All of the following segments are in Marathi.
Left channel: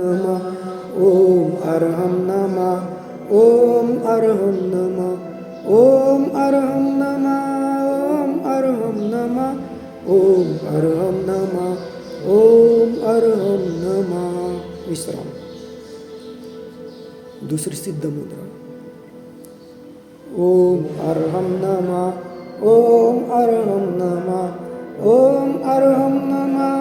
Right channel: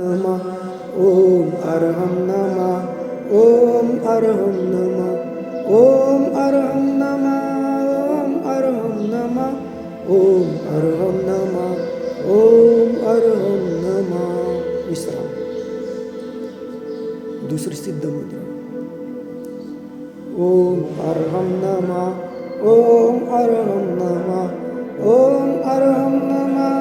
नमः ओम अर्हं नमः ओम अर्हं नमः ओम अर्हं नमः ओम अर्हं नमः ओम अर्हं नमः ओम अर्हं नमः। विश्राम। दुसरी सिद्ध मुद्रा। ओम अर्हं नमः ओम अर्हं नमः ओम अर्हं नमः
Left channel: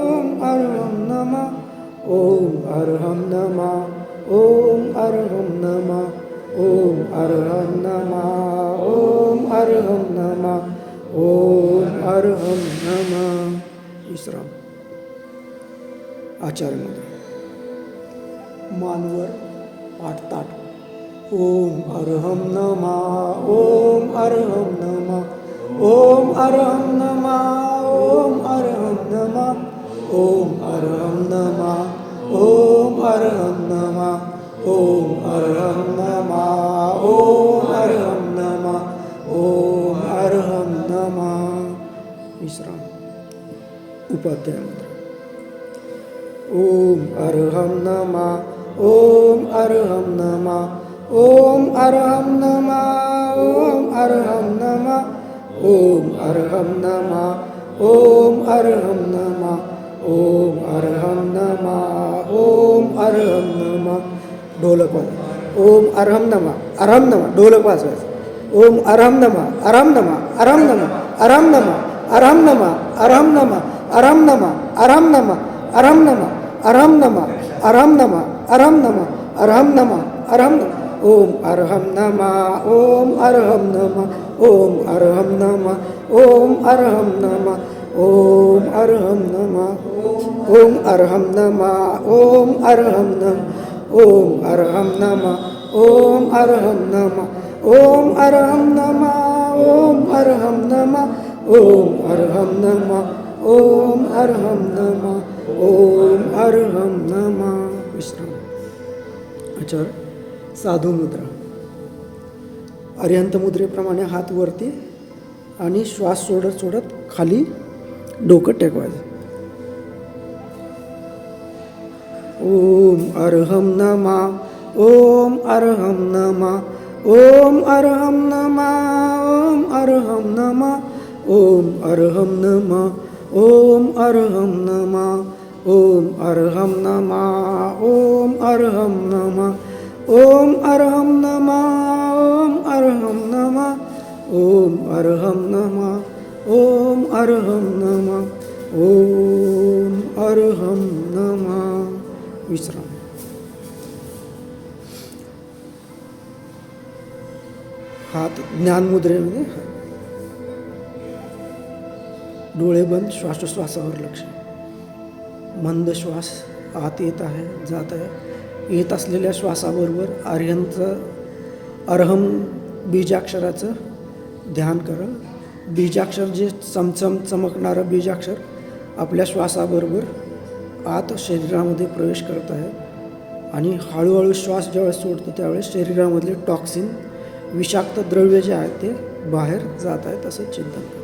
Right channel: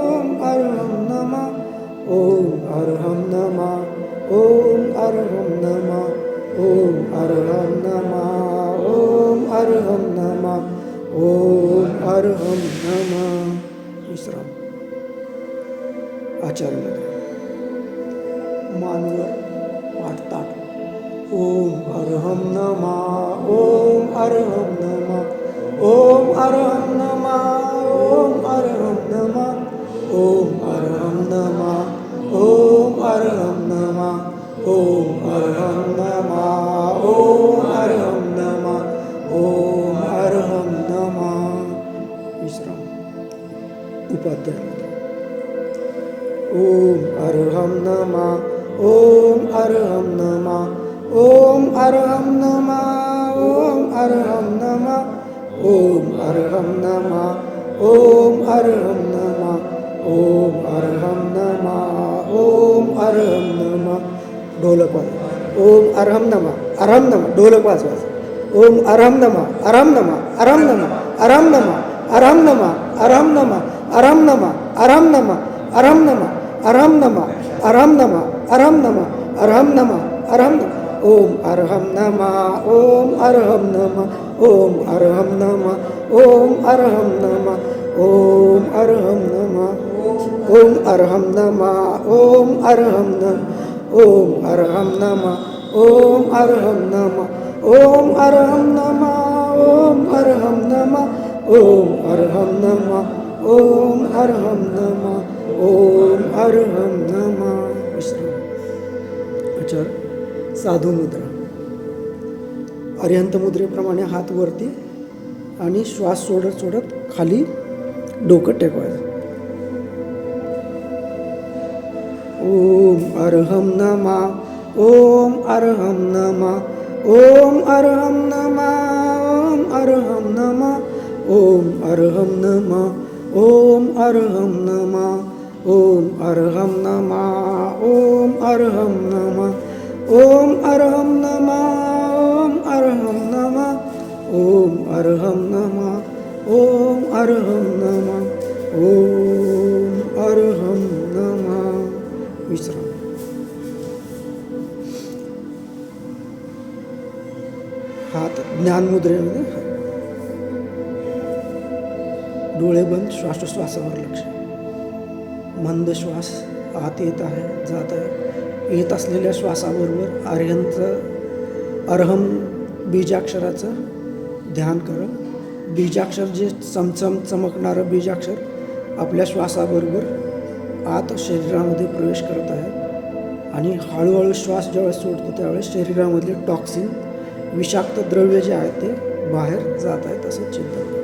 ओम अर्हं नमः ओम अर्हं नमः ओम अर्हं नमः ओम अर्हं नमः ओम अर्हं नमः ओम अर्हं नमः। विश्राम। आचार्य मुद्रा। मानवर पाठताट। ओम अर्हं नमः ओम अर्हं नमः ओम अर्हं नमः ओम अर्हं नमः ओम अर्हं नमः ओम अर्हं नमः ओम अर्हं नमः ओम अर्हं नमः ओम अर्हं नमः। विश्राम। उपाध्याय मुद्रा। ओम अर्हं नमः ओम अर्हं नमः ओम अर्हं नमः ओम अर्हं नमः ओम अर्हं नमः ओम अर्हं नमः ओम अर्हं नमः ओम अर्हं नमः। ढोलक वाजवा। ओम अर्हं नमः अर्हं नमः। ढोलक वाजवायचं। ओम अर्हं नमः अर्हं नमः अर्हं नमः अर्हं नमः अर्हं नमः अर्हं नमः अर्हं नमः अर्हं नमः अर्हं नमः अर्हं नमः अर्हं नमः अर्हं नमः अर्हं नमः अर्हं नमः। ओम अर्हं नमः ओम अर्हं नमः ओम अर्हं नमः ओम अर्हं नमः ओम अर्हं नमः ओम अर्हं नमः ओम अर्हं नमः ओम अर्हं नमः ओम अर्हं नमः ओम अर्हं नमः ओम अर्हं नमः ओम अर्हं नमः ओम अर्हं नमः ओम अर्हं नमः। विश्राम। आचार्य। साधू मुद्रा। अर्यंत मुद्रेप्रमाणे हात वरती आणि श्वास सोडत सोडत खाली डोकं टेकवायचं। ओम अर्हं नमः ओम अर्हं नमः ओम अर्हं नमः ओम अर्हं नमः ओम अर्हं नमः ओम अर्हं नमः ओम अर्हं नमः ओम अर्हं नमः ओम अर्हं नमः ओम अर्हं नमः ओम अर्हं नमः ओम अर्हं नमः ओम अर्हं नमः। विश्राम। हात ज्ञान मुद्रेमध्ये डोळे बंद श्वासोश्वासावर लक्ष। मंद श्वास आत येत आहे जात आहे। येत असलेल्या श्वासाबरोबर अर्हम बीजाक्षराचं ध्यान करा। बीजाक्षर जे चमचम चमकणारं बीजाक्षर आपल्या श्वासाबरोबर आत शरीरामध्ये प्रवेश करत आहे आणि हळूहळू श्वास ज्यावेळेस सोडतो त्यावेळेस शरीरामधले टॉक्सिन विषाक्त द्रव्य जे आहेत ते बाहेर जात आहेत असं चिंतन करा।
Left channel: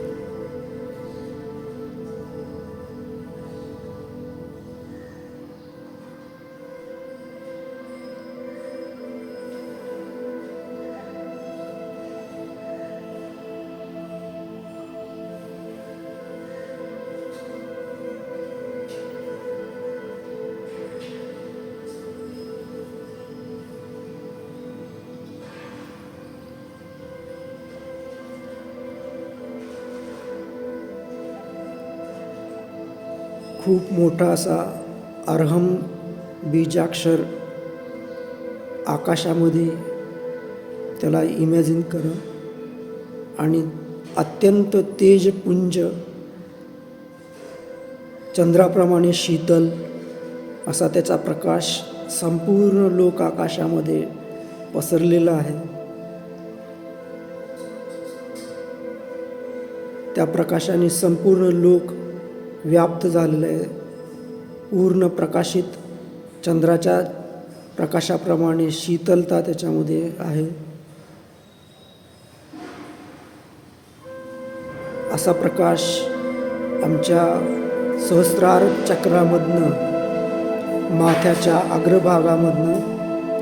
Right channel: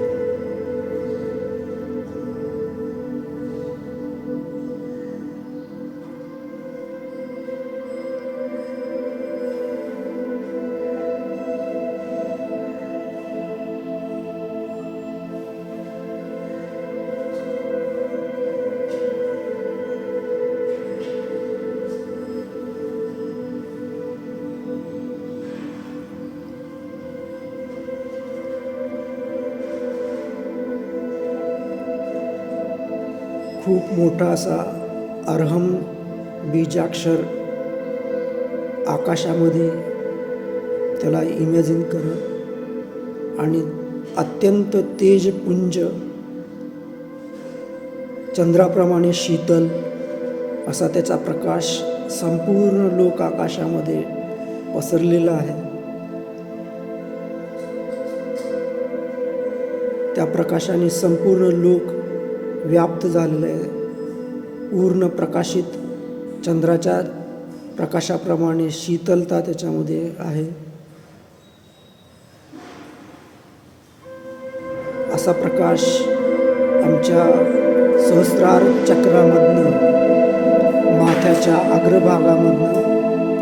खूप मोठा असा अर्हम बीजाक्षर आकाशामध्ये त्याला इमॅजिन करा आणि अत्यंत तेजपुंज चंद्राप्रमाणे शीतल असा त्याचा प्रकाश संपूर्ण लोक आकाशामध्ये पसरलेला आहे। त्या प्रकाशाने संपूर्ण लोक व्याप्त झालेलं आहे। पूर्ण प्रकाशित चंद्राच्या प्रकाशाप्रमाणे शीतलता त्याच्यामध्ये आहे। असा प्रकाश आमच्या सहस्रार चक्रामधनं माथ्याच्या अग्रभागामधनं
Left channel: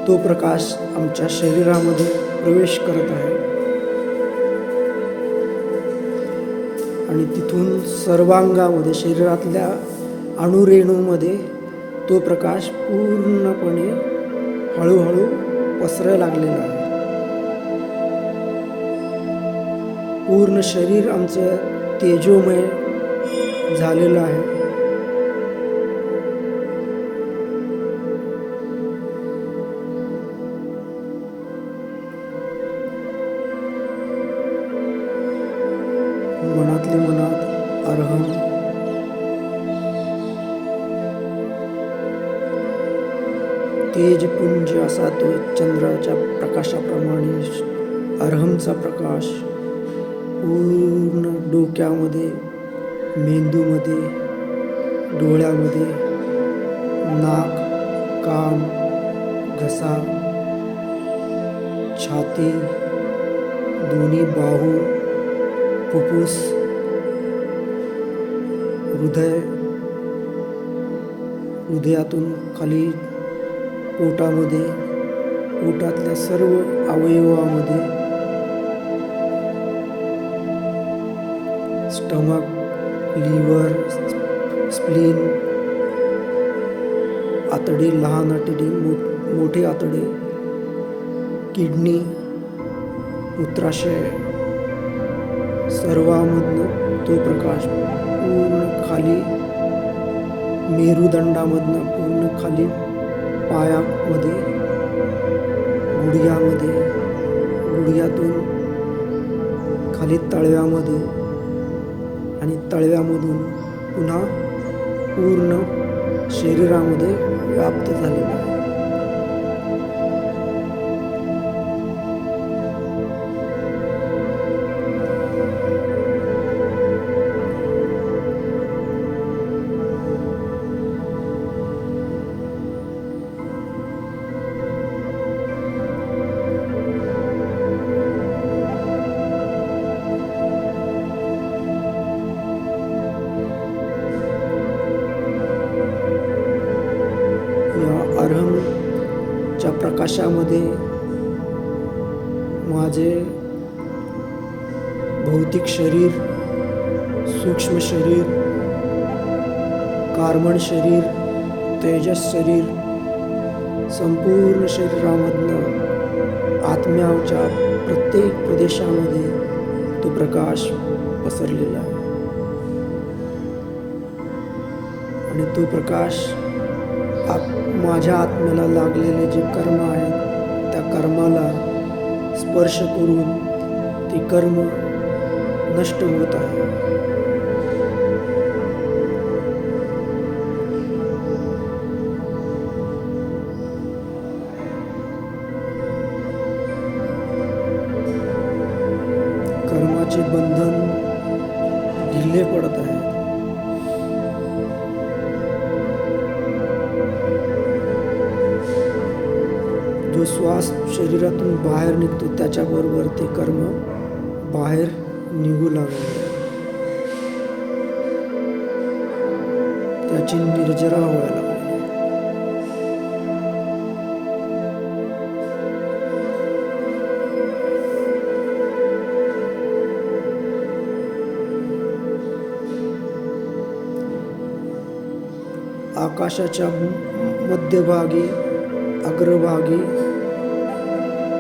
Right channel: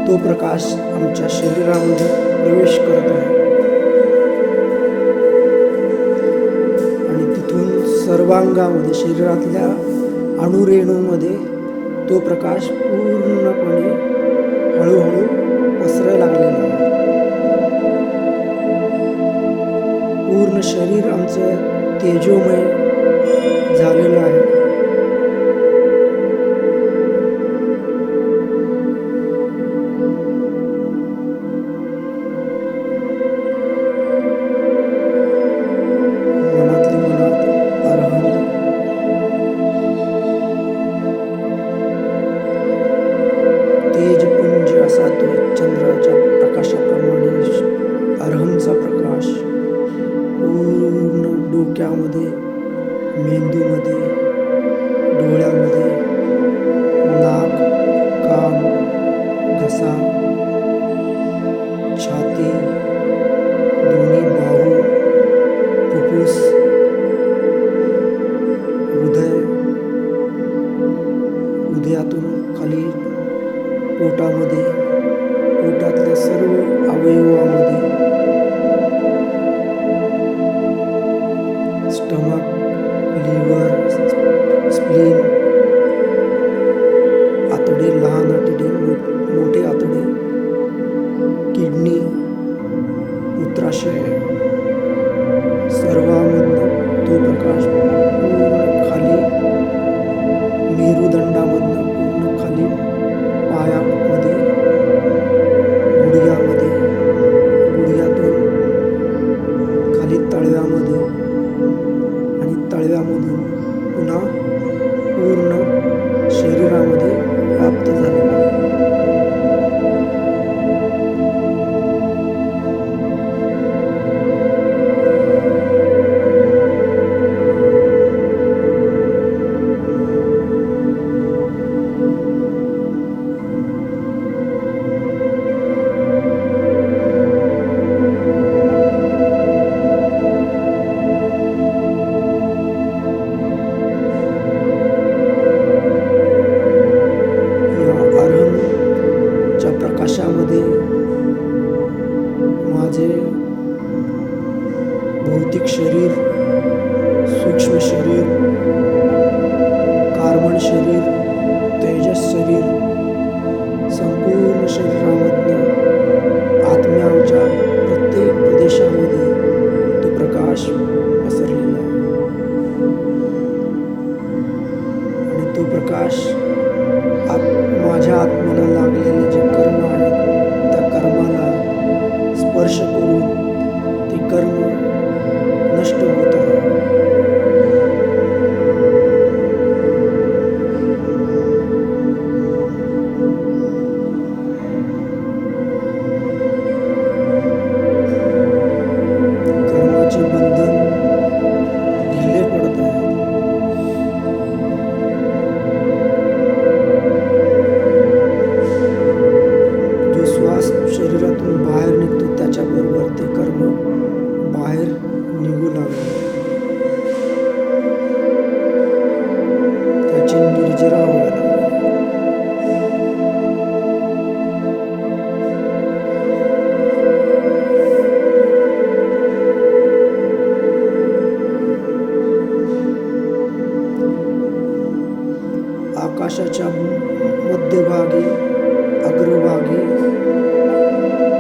तो प्रकाश आमच्या शरीरामध्ये प्रवेश करत आहे आणि तिथून सर्वांगामध्ये शरीरातल्या अणुरेणूमध्ये तो प्रकाश पूर्णपणे हळूहळू पसरायला लागलेला आहे. पूर्ण शरीर आमचं तेजोमय झालेलं आहे. मनातली मनात अरहम तेजपुंज असा तो चंद्राच्या प्रकाशाप्रमाणे अरहमचा प्रकाश पूर्ण डोक्यामध्ये, मेंदूमध्ये, डोळ्यामध्ये, नाक, कान, घसा, छाती, दोन्ही बाहू, फुफ्फुस, हृदय, हृदयातून खाली पोटामध्ये, पोटातल्या सर्व अवयवामध्ये, स्टमक, लिव्हर, स्प्लीन, आतडे, लहान आतडे, मोठे आतडे, किडनी, मूत्राशय, सर्वांमधनं तो प्रकाश पूर्ण खाली, मेरुदंडामधनं पूर्ण खाली, पायामध्ये, गुडघ्यामध्ये, गुडघ्यातून खाली तळव्यामध्ये आणि तळव्यामधून पुन्हा पूर्ण शरीरामध्ये व्याप्त झालेला आहे. अरहमच्या प्रकाशामध्ये माझे भौतिक शरीर, सूक्ष्म शरीर, कार्बन शरीर, तेजस शरीर, संपूर्ण शरीरामधनं आत्म्याच्या प्रत्येक प्रदेशामध्ये तो प्रकाश पसरलेला आहे आणि तो प्रकाश माझ्या आत्म्याला लागलेले जे कर्म आहेत त्या कर्माला स्पर्श करून ते कर्म नष्ट होत आहे. कर्माचे बंधन ढिले पडत आहे. जो श्वास शरीरातून बाहेर निघतो त्याच्याबरोबर ते कर्म बाहेर निघू लागले, त्याची निर्जरा व्हायला लागली. आकाशाच्या मध्यभागी, अग्रभागी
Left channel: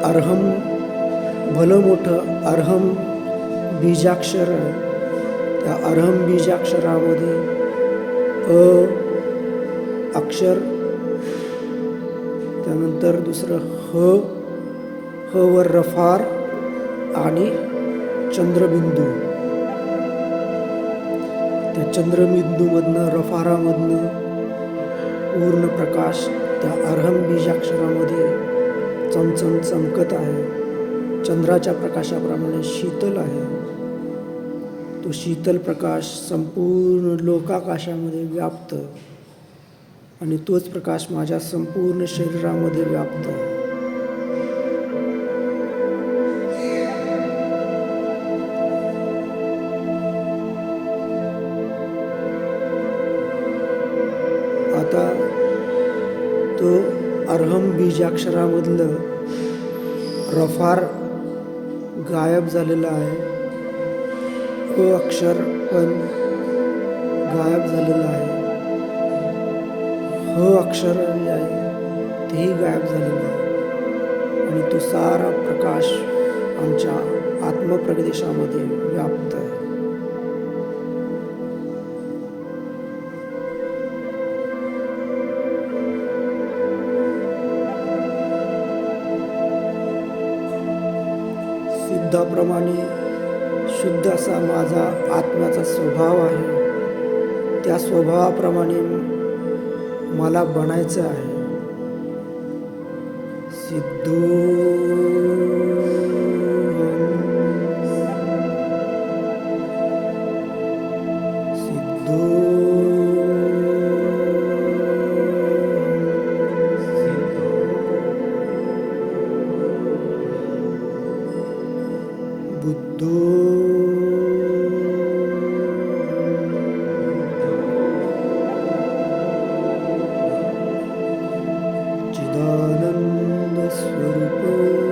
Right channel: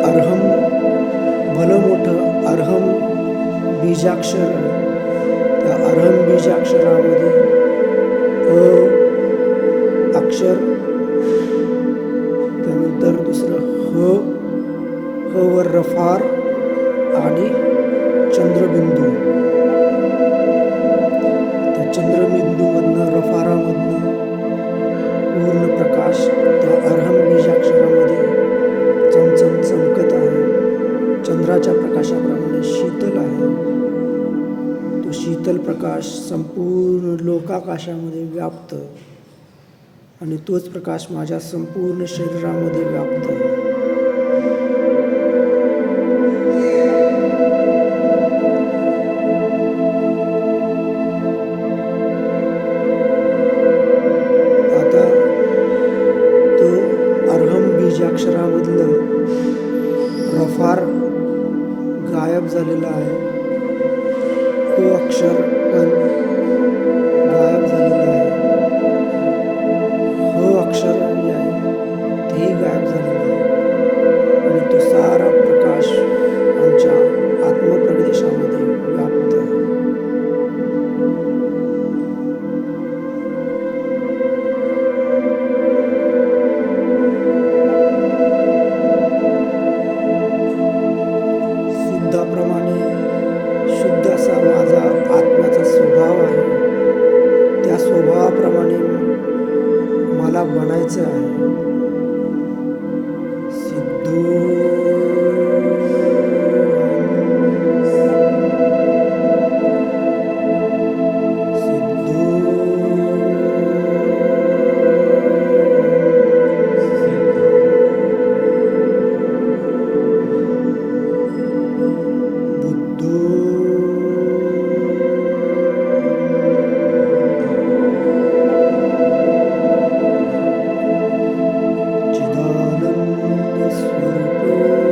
अरहम, भलं मोठं अरहम बीजाक्षर, त्या अरहम बीजाक्षरामध्ये अक्षर, त्यानंतर दुसरं ह वर रफार आणि चंद्रबिंदू. त्या चंद्रबिंदूमधनं, रफारामधनं पूर्ण प्रकाश त्या अरहम बीजाक्षरामध्ये चमचम चमकत आहे. चंद्राच्या प्रकाशाप्रमाणे शीतल आहे. तो शीतल प्रकाश संपूर्ण लोकाकाशामध्ये व्याप्त आणि तोच प्रकाश माझ्या संपूर्ण शरीरामध्ये व्याप्त. आता तो अर्हम बीजाक्षरामधलं रफार गायब झालेलं आहे. अक्षर पण गायब झालेलं आहे. अक्षर जे आहे तेही गायब झालेलं आहे आणि तो सारा प्रकाश आमच्या आत्मप्रदेशामध्ये व्याप्त आहे. सिद्धाप्रमाणे शुद्ध असा माझा आत्म्याचा स्वभाव आहे. त्या स्वभावाप्रमाणे मला बनायचं आहे. चिदानंद स्वरूप